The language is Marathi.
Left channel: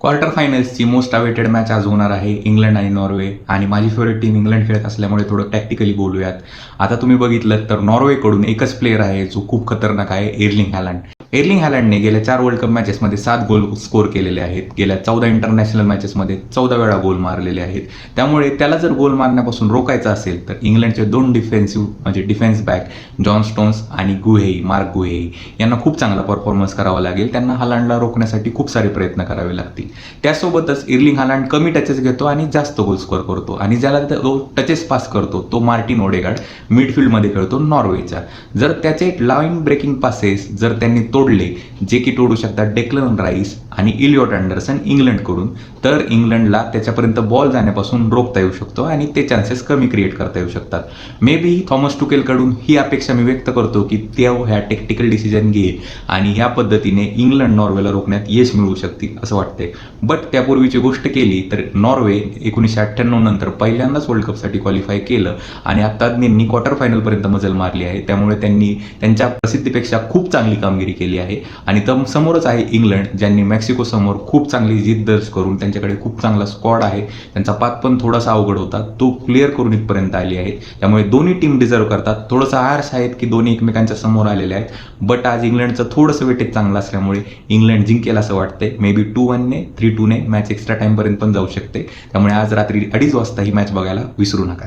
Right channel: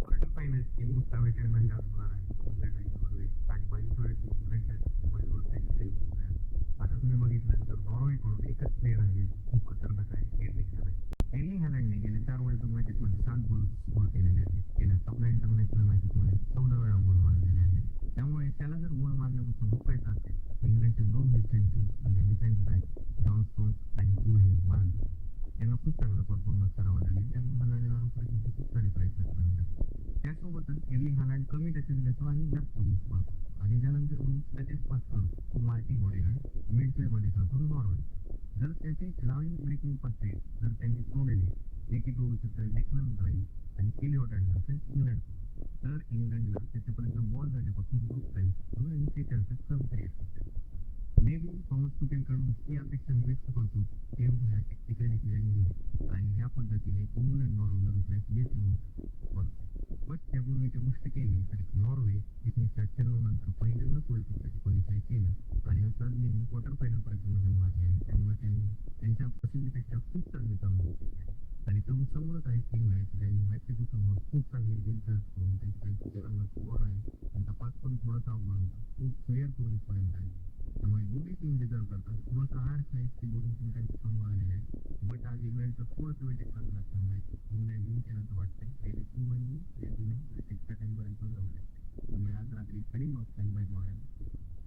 क्वार्टर फायनल्सची मोस्ट अवेटेड मॅच आज होणार आहे इंग्लंड आणि नॉर्वे. आणि माझी फेवरेट टीम इंग्लंड खेळत असल्यामुळे थोडं टॅक्टिकली बोलूयात. आता तुम्ही बघितलं तर नॉर्वेकडून एकच प्लेअर आहे जो खूप खतरनाक आहे, एर्लिंग हॅलंड. एर्लिंग हॅलंडने गेल्या 4 वर्ल्ड कप मॅचेसमध्ये 7 गोल स्कोर केलेले आहेत. गेल्या 14 इंटरनॅशनल मॅचेसमध्ये 14 वेळा गोल मारलेले आहेत. त्यामुळे त्याला जर गोल मारण्यापासून रोखायचं असेल तर इंग्लंडचे 2 डिफेन्स बॅक जॉन स्टोन्स आणि मार्क गुहेई यांना खूप चांगला परफॉर्मन्स करावा लागेल. त्यांना हॅलंडला रोखण्यासाठी खूप सारे प्रयत्न करावे लागतील. त्यासोबतच एर्लिंग हॅलंड कमी टचेस घेतो आणि जास्त गोल स्कोर करतो. आणि ज्याला टचेस पास करतो तो मार्टिन ओडेगार्ड मिडफील्डमध्ये खेळतो नॉर्वेच्या. जर त्याचे लाईन ब्रेकिंग पासेस जर त्यांनी तोडले, जे की तोडू शकतात डेक्लन राईस आणि इलियॉट अँडरसन इंग्लंडकडून, तर इंग्लंडला त्याच्यापर्यंत बॉल जाण्यापासून रोखता येऊ शकतो आणि ते चान्सेस कमी क्रिएट करता येऊ शकतात. मे बी थॉमस टुकेलकडून ही अपेक्षा मी व्यक्त करतो की ते ह्या टेक्टिकल डिसिजन घेईल आणि ह्या पद्धतीने इंग्लंड नॉर्वेला रोखण्यात यश मिळवू शकतील असं वाटतंय. बट त्यापूर्वीची गोष्ट केली तर नॉर्वे 1998 नंतर पहिल्यांदाच वर्ल्ड कपसाठी क्वालिफाय केलं आणि आता त्यांनी क्वार्टर फायनलपर्यंत मजल मारली आहे. त्यामुळे त्यांनी त्यांच्या प्रसिद्धीपेक्षा खूप चांगली कामगिरी केली आहे. आणि समोरच आहे इंग्लंड, ज्यांनी मेक्सिको समोर खूप चांगली जिद्द दर्ज करून, त्यांच्याकडे खूप चांगला स्क्वॉड आहे, त्यांचा पाथ पण थोडासा अवघड होता, तो क्लिअर करून इथपर्यंत आली आहे. त्यामुळे दोन्ही टीम डिझर्व करतात. थोडंसं आर्स आहेत की दोन्ही एकमेकांच्या समोर आलेले आहेत. बट आज इंग्लंडचं थोडंसं वेटेज चांगलं असल्यामुळे इंग्लंड जिंकेल असं वाटतंय. मे बी 2-1 3-2 मॅच एक्स्ट्रा टाईमपर्यंत पण जाऊ शकते. त्यामुळे आज रात्री 2:30 वाजता ही मॅच बघायला विसरू नका.